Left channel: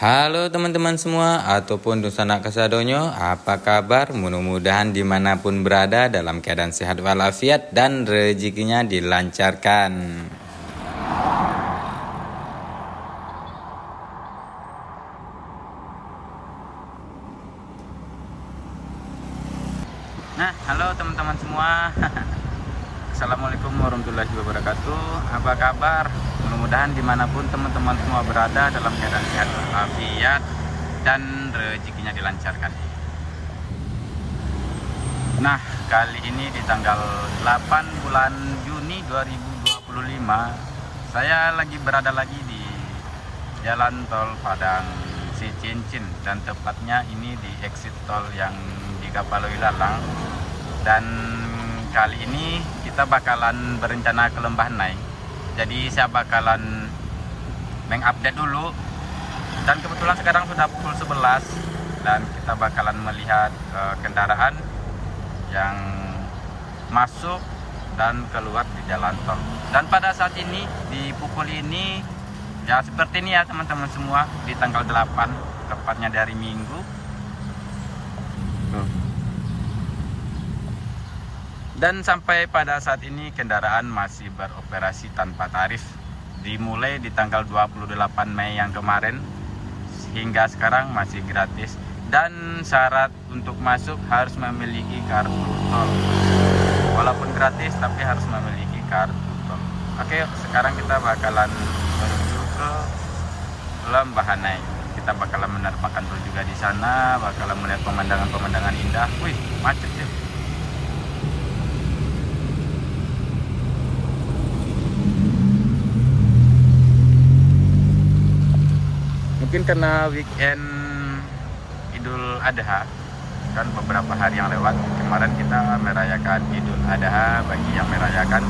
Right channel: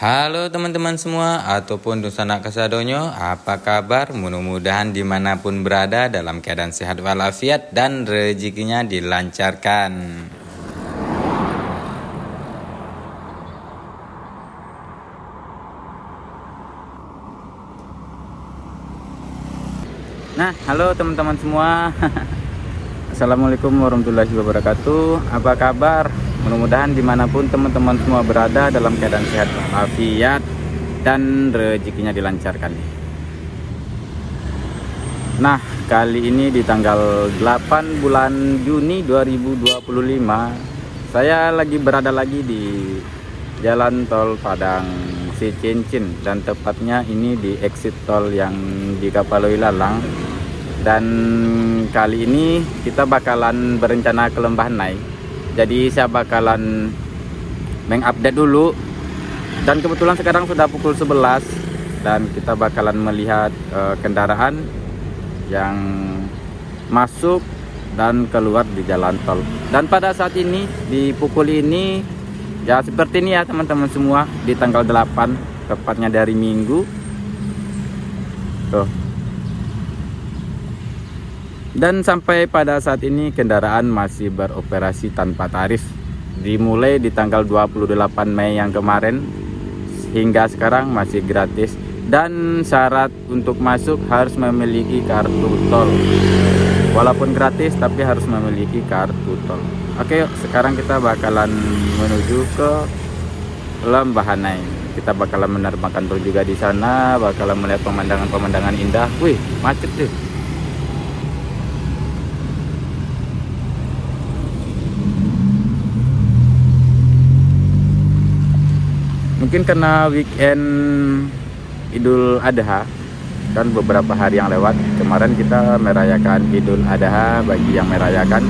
Halo teman-teman semua ataupun Dusanak Kasadonyo, apa kabar? Mudah-mudahan dimanapun berada dalam keadaan sehat walafiat dan rezekinya dilancarkan. Nah, halo teman-teman semua. Assalamualaikum warahmatullahi wabarakatuh. Apa kabar? Mudah-mudahan dimanapun teman-teman semua berada dalam keadaan sehat walafiat dan rezekinya dilancarkan. Nah, kali ini di tanggal 8 bulan Juni 2025, saya berada lagi di Jalan Tol Padang Cicincin, dan tepatnya ini di exit tol yang di Kapaloi Lalang. Dan kali ini kita bakalan berencana ke Lembah Nai. Jadi saya bakalan mengupdate dulu. Dan kebetulan sekarang sudah pukul 11 dan kita bakalan melihat kendaraan yang masuk dan keluar di jalan tol. Dan pada saat ini di pukul ini ya seperti ini ya teman-teman semua, di tanggal 8 tepatnya dari Minggu. Tuh. Dan sampai pada saat ini kendaraan masih beroperasi tanpa tarif. Dimulai di tanggal 28 Mei yang kemarin hingga sekarang masih gratis. Dan syarat untuk masuk harus memiliki kartu tol. Walaupun gratis tapi harus memiliki kartu tol. Oke, sekarang kita bakalan menuju ke Lembah Nai. Kita bakalan menerbangkan drone juga di sana, bakalan melihat pemandangan-pemandangan indah. Wih, macet tuh. Mungkin karena weekend Idul Adha, kan beberapa hari yang lewat kemarin kita merayakan Idul Adha. Bagi yang merayakan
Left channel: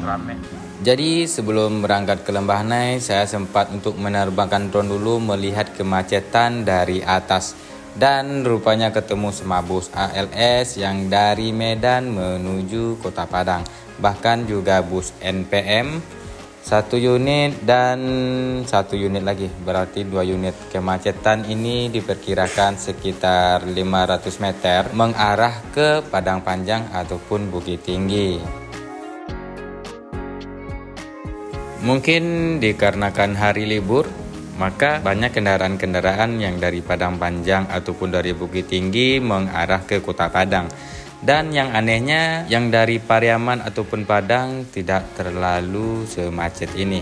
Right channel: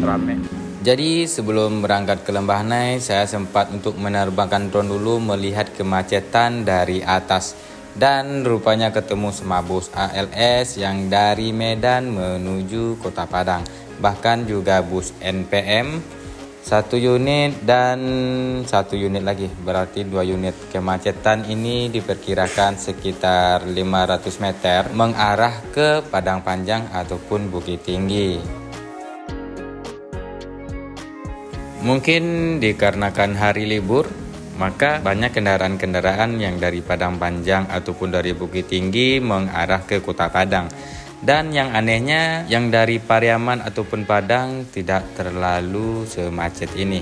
rame. Jadi sebelum berangkat ke Lembah Nai, saya sempat untuk menerbangkan drone dulu melihat kemacetan dari atas. Dan rupanya ketemu sama bus ALS yang dari Medan menuju Kota Padang. Bahkan juga bus NPM 1 unit dan 1 unit lagi, berarti 2 unit. Kemacetan ini diperkirakan sekitar 500 meter mengarah ke Padang Panjang ataupun Bukit Tinggi. Mungkin dikarenakan hari libur, maka banyak kendaraan-kendaraan yang dari Padang Panjang ataupun dari Bukit Tinggi mengarah ke Kota Padang. Dan yang anehnya, yang dari Pariaman ataupun Padang tidak terlalu semacet ini.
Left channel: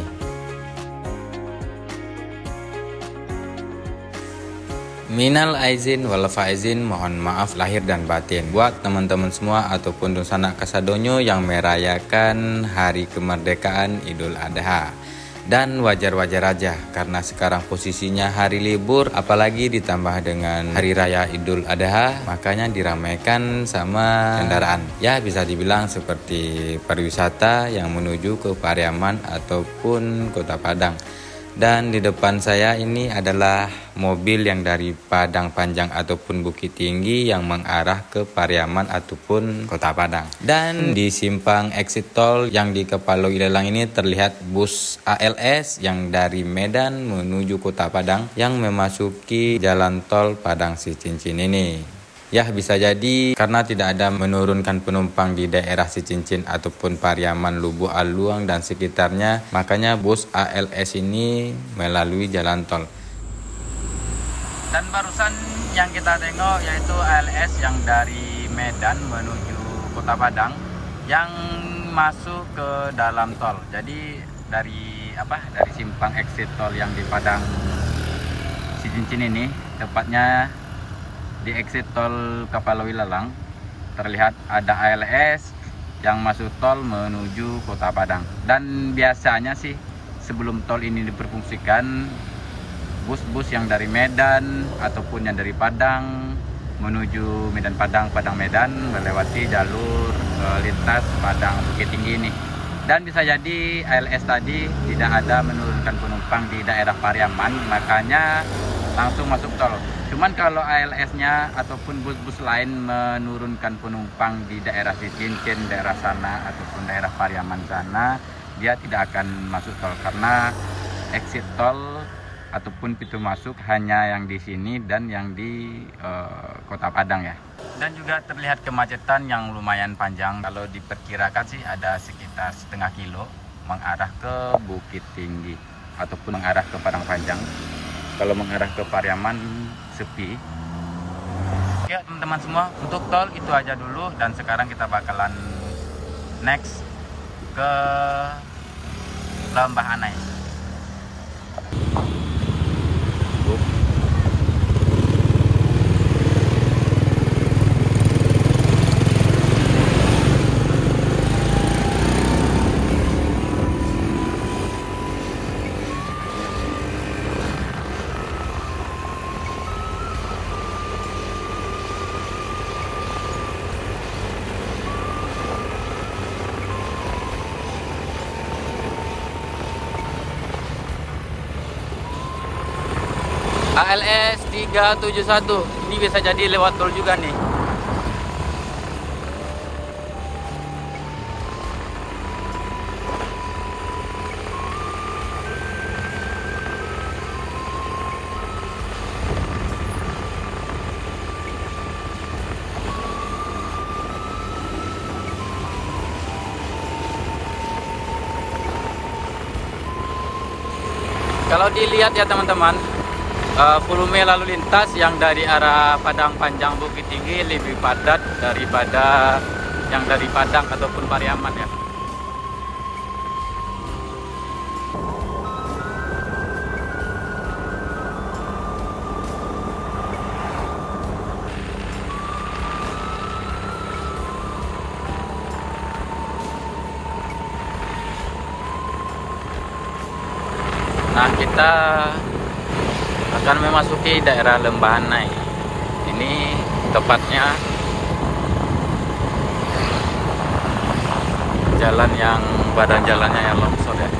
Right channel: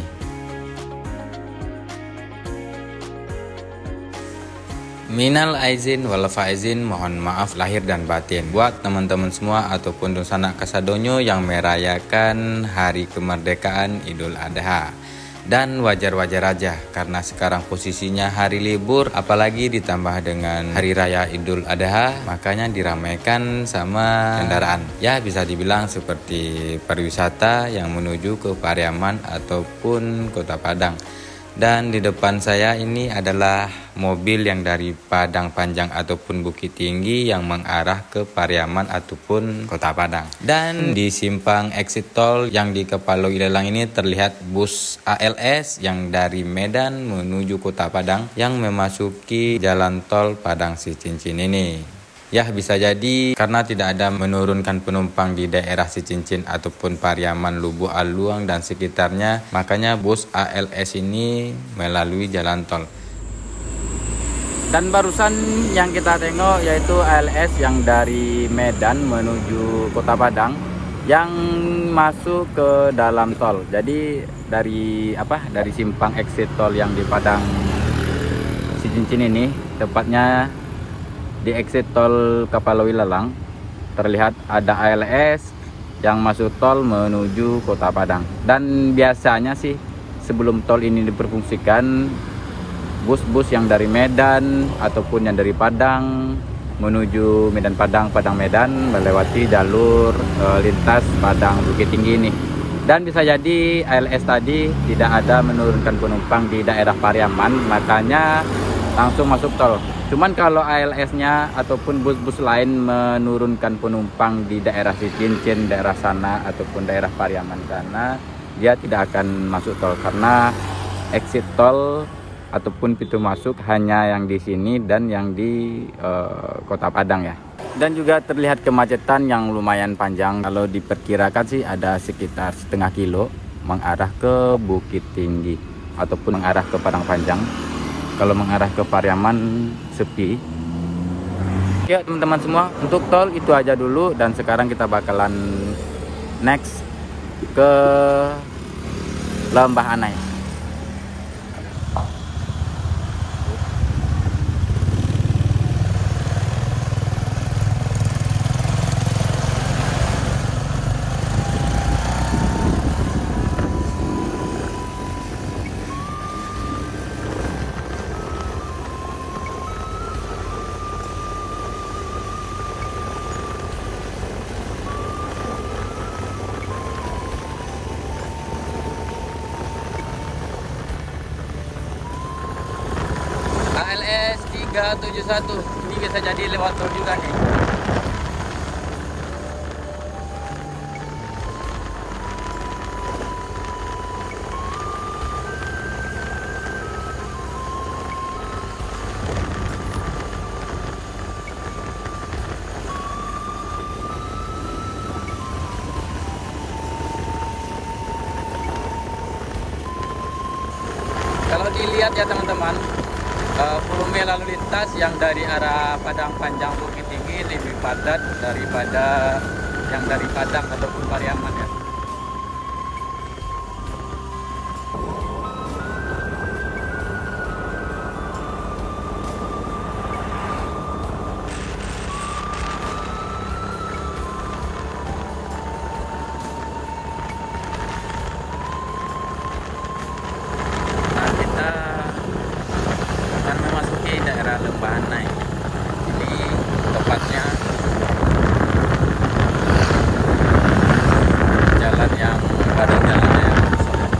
Minal aizin wal faizin, mohon maaf lahir dan batin buat teman-teman semua ataupun Dusanak Kasadonyo yang merayakan hari kemerdekaan Idul Adha. Dan wajar-wajar aja karena sekarang posisinya hari libur, apalagi ditambah dengan hari raya Idul Adha, makanya diramaikan sama kendaraan. Ya bisa dibilang seperti pariwisata yang menuju ke Pariaman ataupun Kota Padang. Dan di depan saya ini adalah mobil yang dari Padang Panjang ataupun Bukit Tinggi yang mengarah ke Pariaman ataupun Kota Padang. Dan di simpang exit tol yang di Kapaloi Lalang ini terlihat bus ALS yang dari Medan menuju Kota Padang yang memasuki jalan tol Padang Cicincin ini. Ya bisa jadi karena tidak ada menurunkan penumpang di daerah Cicincin ataupun Pariaman, Lubuk Aluang dan sekitarnya, makanya bus ALS ini melalui jalan tol. Dan barusan yang kita tengok yaitu ALS yang dari Medan menuju Kota Padang yang masuk ke dalam tol. Jadi dari simpang exit tol yang di Padang Cicincin ini, tepatnya di exit tol Kapaloi Lalang, terlihat ada ALS yang masuk tol menuju Kota Padang. Dan biasanya sih sebelum tol ini diperfungsikan, bus-bus yang dari Medan ataupun yang dari Padang menuju Medan Padang, Padang Medan melewati jalur lintas Padang Bukit Tinggi ini. Dan bisa jadi ALS tadi tidak ada menurunkan penumpang di daerah Pariaman, makanya langsung masuk tol. Cuman kalau ALS-nya ataupun bus-bus lain menurunkan penumpang di daerah Cicincin, daerah sana ataupun daerah Pariaman sana, dia tidak akan masuk tol karena exit tol ataupun pintu masuk hanya yang di sini dan yang di Kota Padang ya. Dan juga terlihat kemacetan yang lumayan panjang. Kalau diperkirakan sih ada sekitar setengah kilo mengarah ke Bukit Tinggi ataupun mengarah ke Padang Panjang. Kalau mengarah ke Pariaman sepi. Ya teman-teman semua, untuk tol itu aja dulu, dan sekarang kita bakalan next ke Lembah Anai. ALS 371 ini bisa jadi lewat tol juga nih. Kalau dilihat ya teman-teman, volume lalu lintas yang dari arah Padang Panjang Bukit Tinggi lebih padat daripada yang dari Padang ataupun Pariaman ya. Nah, kita akan memasuki daerah Lembah Anai. Ini tepatnya jalan yang pada jalannya yang longsor ya.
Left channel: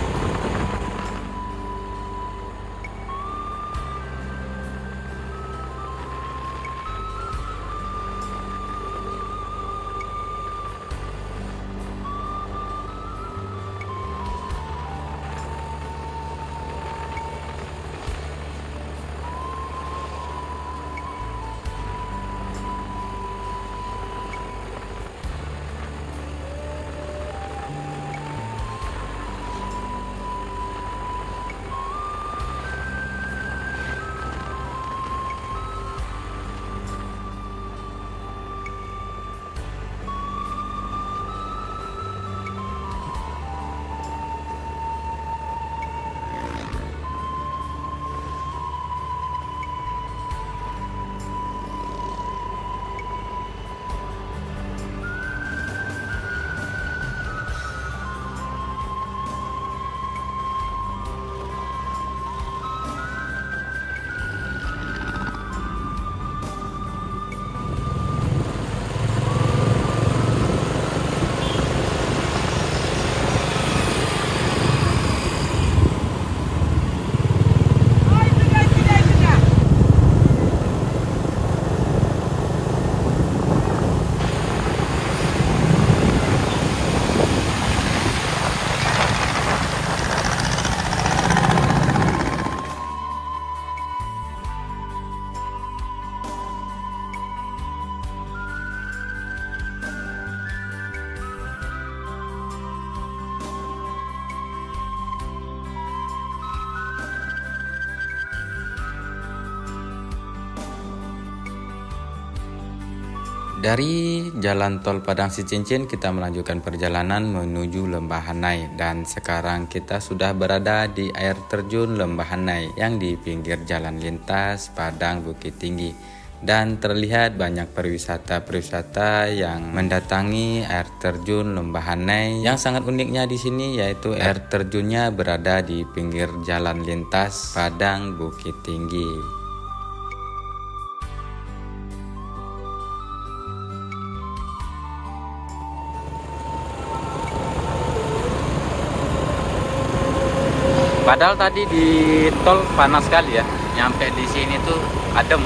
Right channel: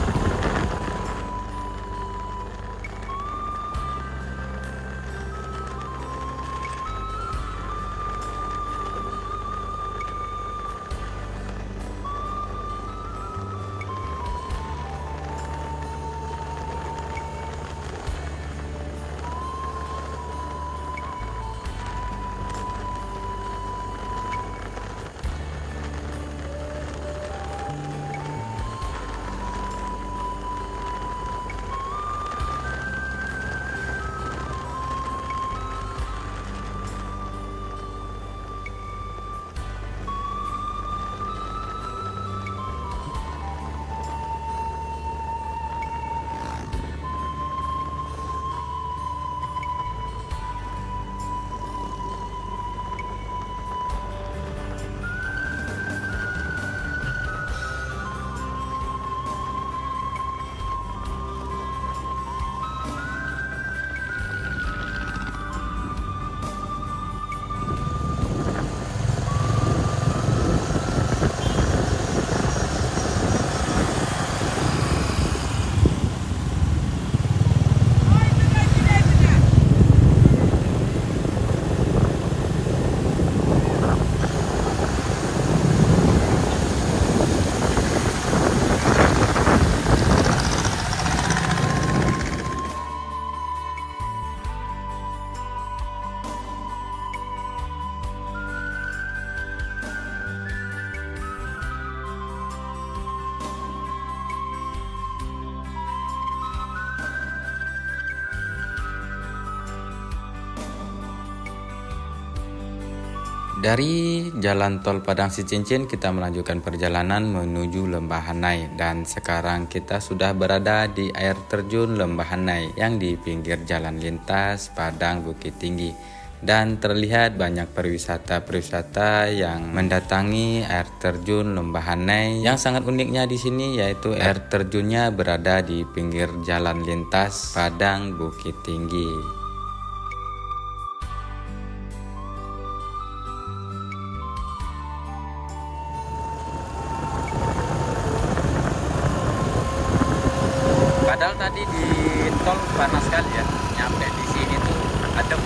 Dari Jalan Tol Padang Sicincin kita melanjutkan perjalanan menuju Lembah Anai, dan sekarang kita sudah berada di air terjun Lembah Anai yang di pinggir jalan lintas Padang Bukit Tinggi, dan terlihat banyak pariwisata yang mendatangi air terjun Lembah Anai. Yang sangat uniknya di sini yaitu air terjunnya berada di pinggir jalan lintas Padang Bukit Tinggi. Padahal tadi di tol panas sekali ya, nyampe di sini tuh adem.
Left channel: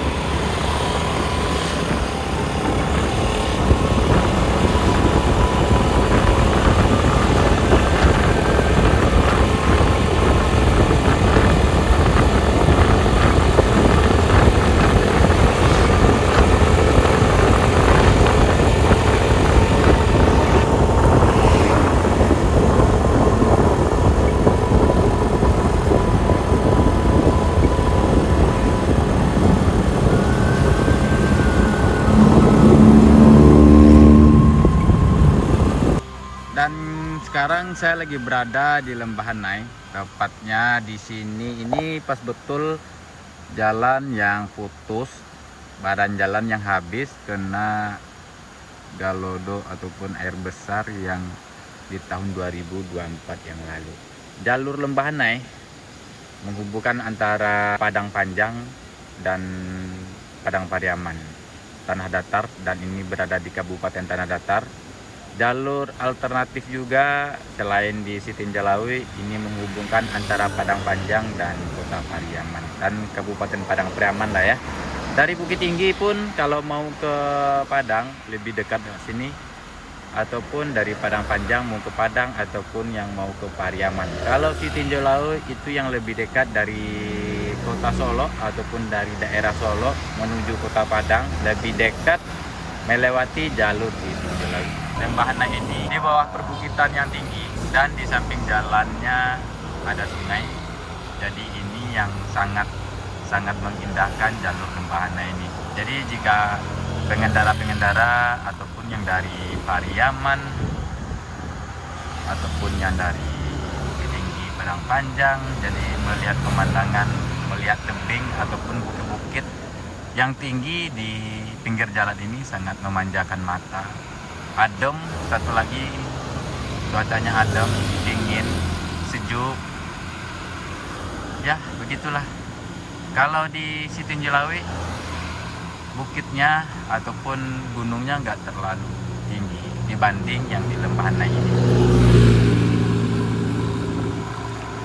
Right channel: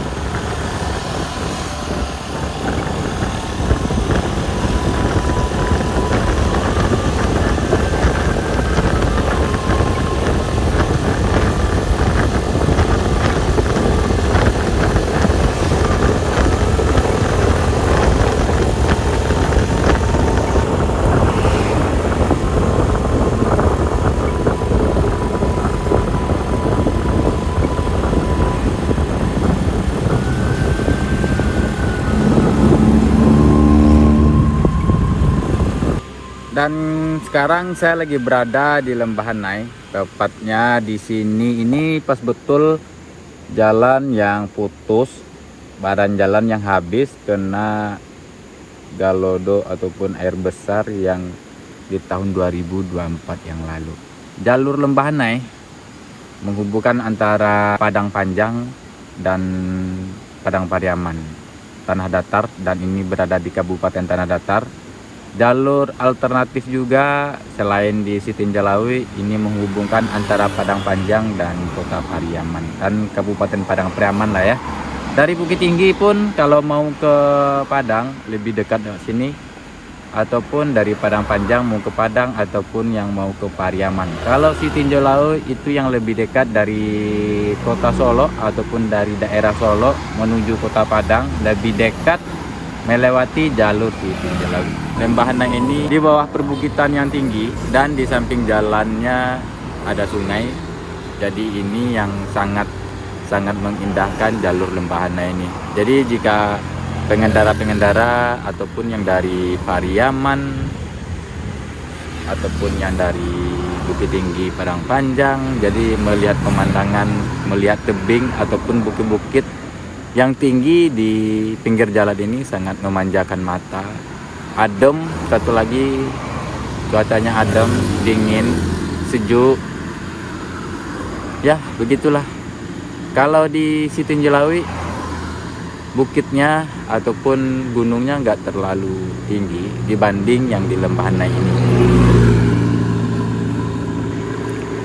Sekarang saya lagi berada di Lembah Hanai, tepatnya di sini. Ini pas betul jalan yang putus, badan jalan yang habis kena galodo ataupun air besar yang di tahun 2024 yang lalu. Jalur Lembah Hanai menghubungkan antara Padang Panjang dan Padang Pariaman, tanah datar, dan ini berada di Kabupaten Tanah Datar. Jalur alternatif juga selain di Sitinjalawi, ini menghubungkan antara Padang Panjang dan Kota Pariaman dan Kabupaten Padang Pariaman lah ya. Dari Bukit Tinggi pun kalau mau ke Padang lebih dekat dari sini, ataupun dari Padang Panjang mau ke Padang, ataupun yang mau ke Pariaman. Kalau Sitinjalawi itu yang lebih dekat dari Kota Solo ataupun dari daerah Solo menuju Kota Padang, lebih dekat melewati jalur Sitinjalawi. Lembah Hanai ini di bawah perbukitan yang tinggi dan di samping jalannya ada sungai. Jadi ini yang sangat mengindahkan jalur Lembah Hanai ini. Jadi jika pengendara-pengendara ataupun yang dari Pariaman ataupun yang dari Bukit Tinggi Padang Panjang, jadi melihat pemandangan, melihat tebing ataupun bukit-bukit yang tinggi di pinggir jalan ini sangat memanjakan mata. Adem, satu lagi cuacanya adem, dingin, sejuk. Ya, begitulah. Kalau di Sitinjalawi bukitnya ataupun gunungnya nggak terlalu tinggi dibanding yang di Lembah Hanai ini.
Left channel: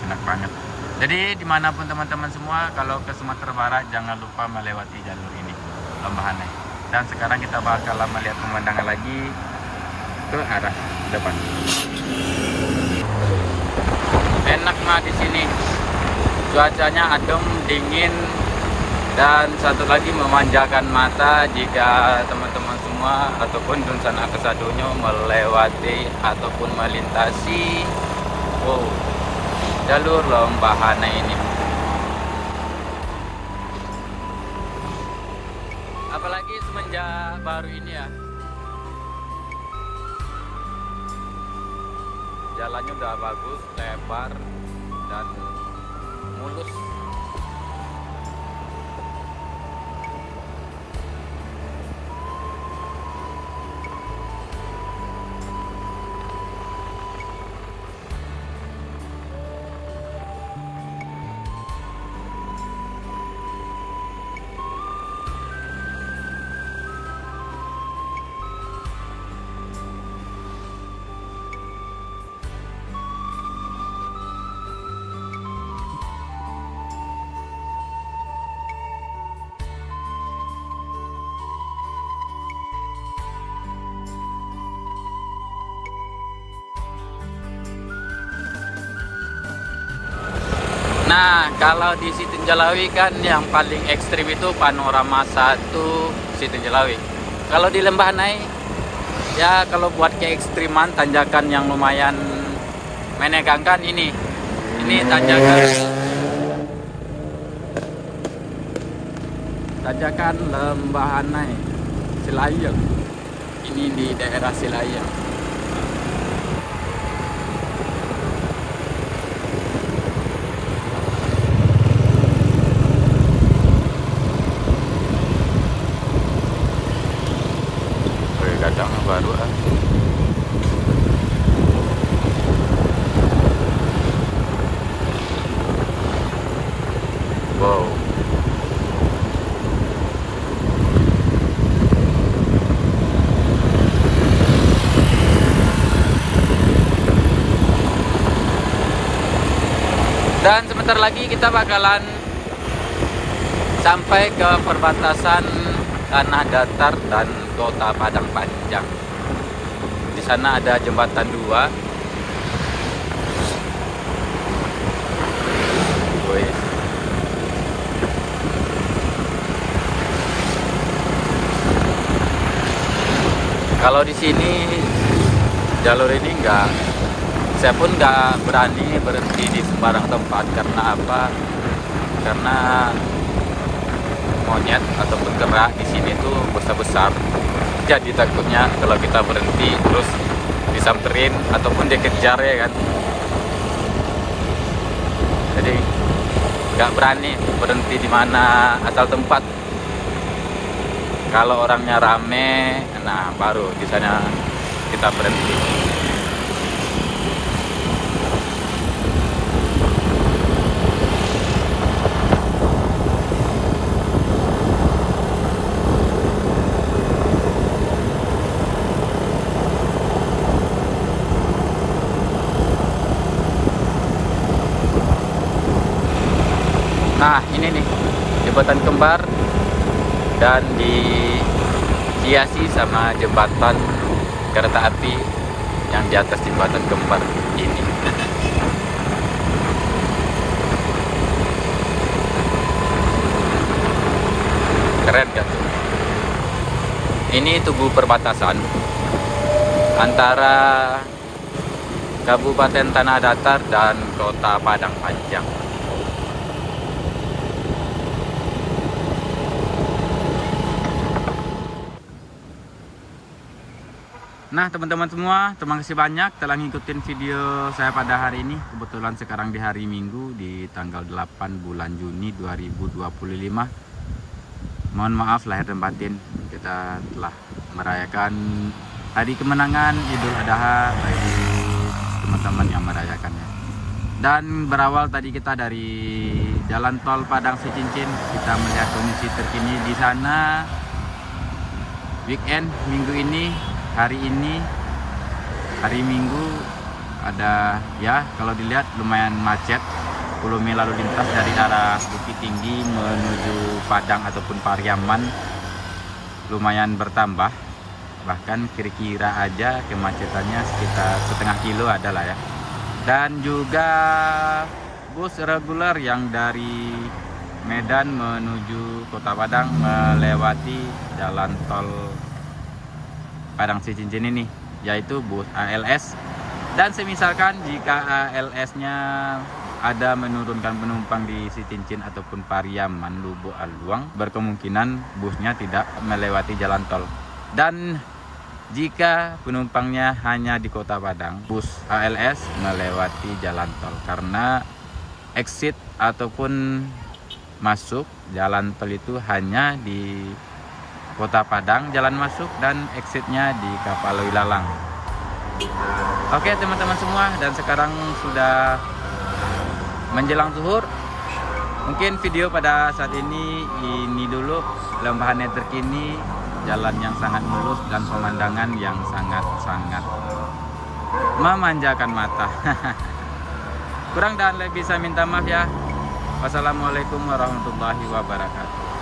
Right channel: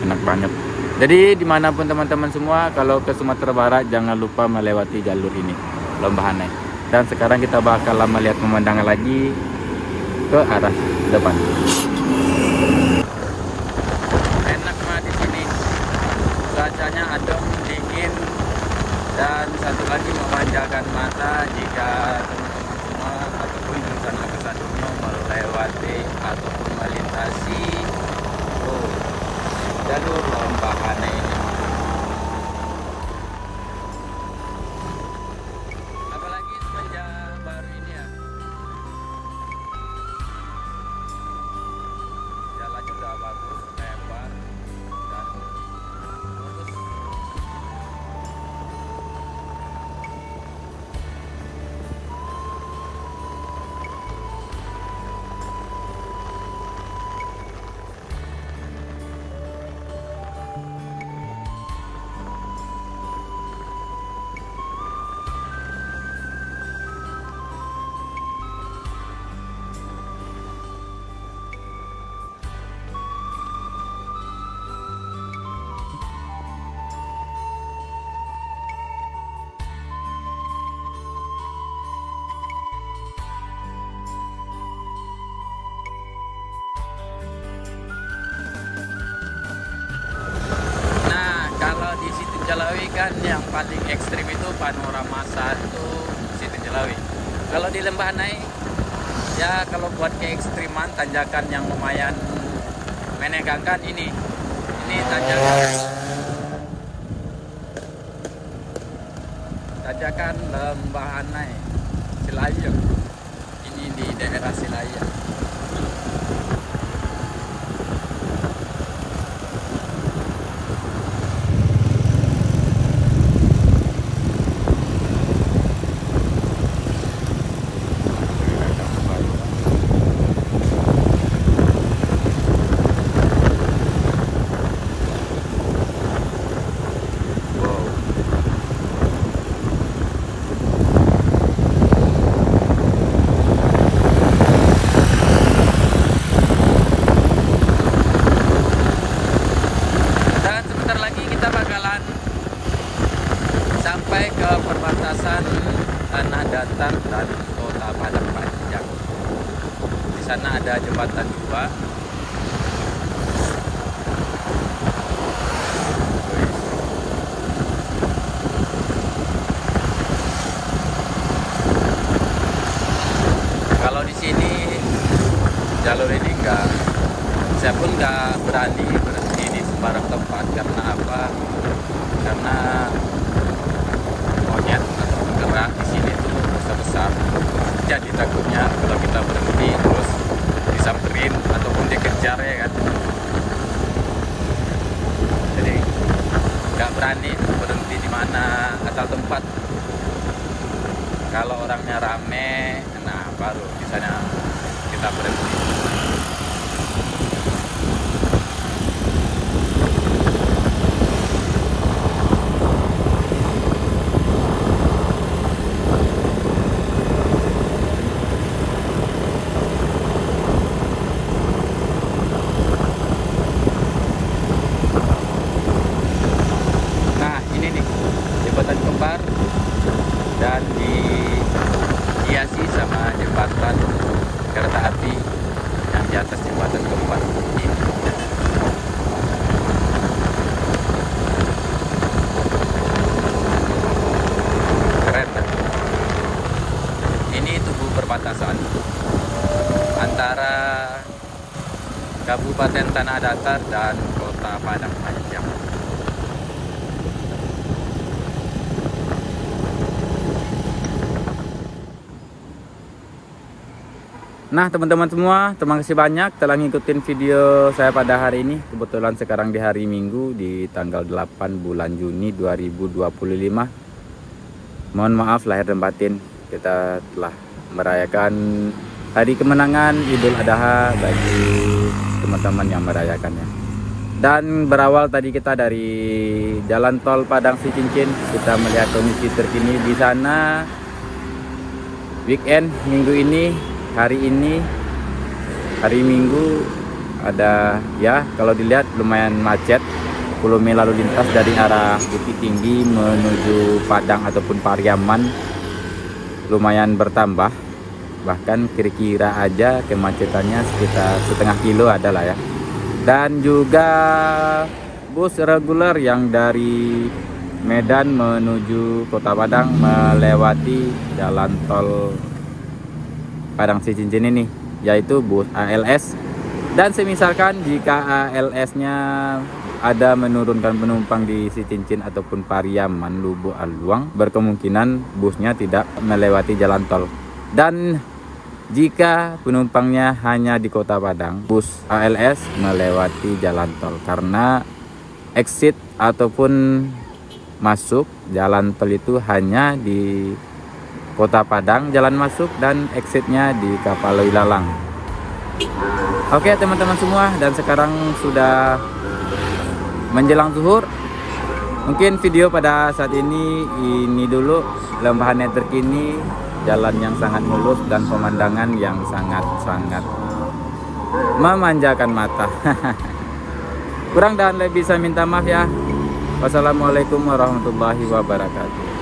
Enak banget. Jadi dimanapun teman-teman semua, kalau ke Sumatera Barat jangan lupa melewati jalur ini, Lembah Hanai. Dan sekarang kita bakal melihat pemandangan lagi ke arah depan. Enak mah di sini. Cuacanya adem, dingin, dan satu lagi memanjakan mata jika teman-teman semua ataupun Dunsana Kesadonyo melewati ataupun melintasi jalur Lembah Hanai ini. Apalagi semenjak baru ini ya, jalannya udah bagus, lebar dan mulus. Nah, kalau di Sitinjalawi kan yang paling ekstrim itu panorama 1 Sitinjalawi. Kalau di Lembah Hanai, ya kalau buat keekstriman tanjakan yang lumayan menegangkan ini. Ini tanjakan Lembah Hanai Silayang. Ini di daerah Silayang. Dan sebentar lagi kita bakalan sampai ke perbatasan Tanah Datar dan Kota Padang Panjang. Di sana ada jembatan 2. Kalau di sini jalur ini saya pun nggak berani berhenti di sembarang tempat. Karena apa? Karena monyet ataupun kera di sini tuh besar-besar. Jadi takutnya kalau kita berhenti terus disamperin ataupun dikejar ya kan. Jadi nggak berani berhenti di mana asal tempat. Kalau orangnya rame, nah baru di sana kita berhenti. Nah ini nih jembatan kembar dan dihiasi sama jembatan kereta api yang di atas jembatan kembar ini. Keren gak? Ini tubuh perbatasan antara Kabupaten Tanah Datar dan Kota Padang Panjang. Nah teman-teman semua, terima kasih banyak telah ngikutin video saya pada hari ini. Kebetulan sekarang di hari Minggu di tanggal 8 bulan Juni 2025. Mohon maaf lahir dan batin, kita telah merayakan hari kemenangan Idul Adha bagi teman-teman yang merayakannya. Dan berawal tadi kita dari jalan tol Padang Sicincin, kita melihat kondisi terkini di sana. Weekend minggu ini, hari ini hari Minggu ada ya, kalau dilihat lumayan macet. Volume lalu lintas dari arah Bukit Tinggi menuju Padang ataupun Pariaman lumayan bertambah. Bahkan kira-kira aja kemacetannya sekitar setengah kilo adalah ya. Dan juga bus reguler yang dari Medan menuju Kota Padang melewati jalan tol Padang Sicincin ini, yaitu bus ALS. Dan semisalkan jika ALS-nya ada menurunkan penumpang di Sicincin ataupun Pariaman, Lubuk Aluang, berkemungkinan busnya tidak melewati jalan tol. Dan jika penumpangnya hanya di Kota Padang, bus ALS melewati jalan tol, karena exit ataupun masuk jalan tol itu hanya di Kota Padang jalan masuk dan exitnya di Kapal Wilalang. Oke teman-teman semua, dan sekarang sudah menjelang zuhur. Mungkin video pada saat ini dulu lembahannya terkini, jalan yang sangat mulus dan pemandangan yang sangat-sangat memanjakan mata. Kurang dan lebih saya minta maaf ya. Wassalamualaikum warahmatullahi wabarakatuh.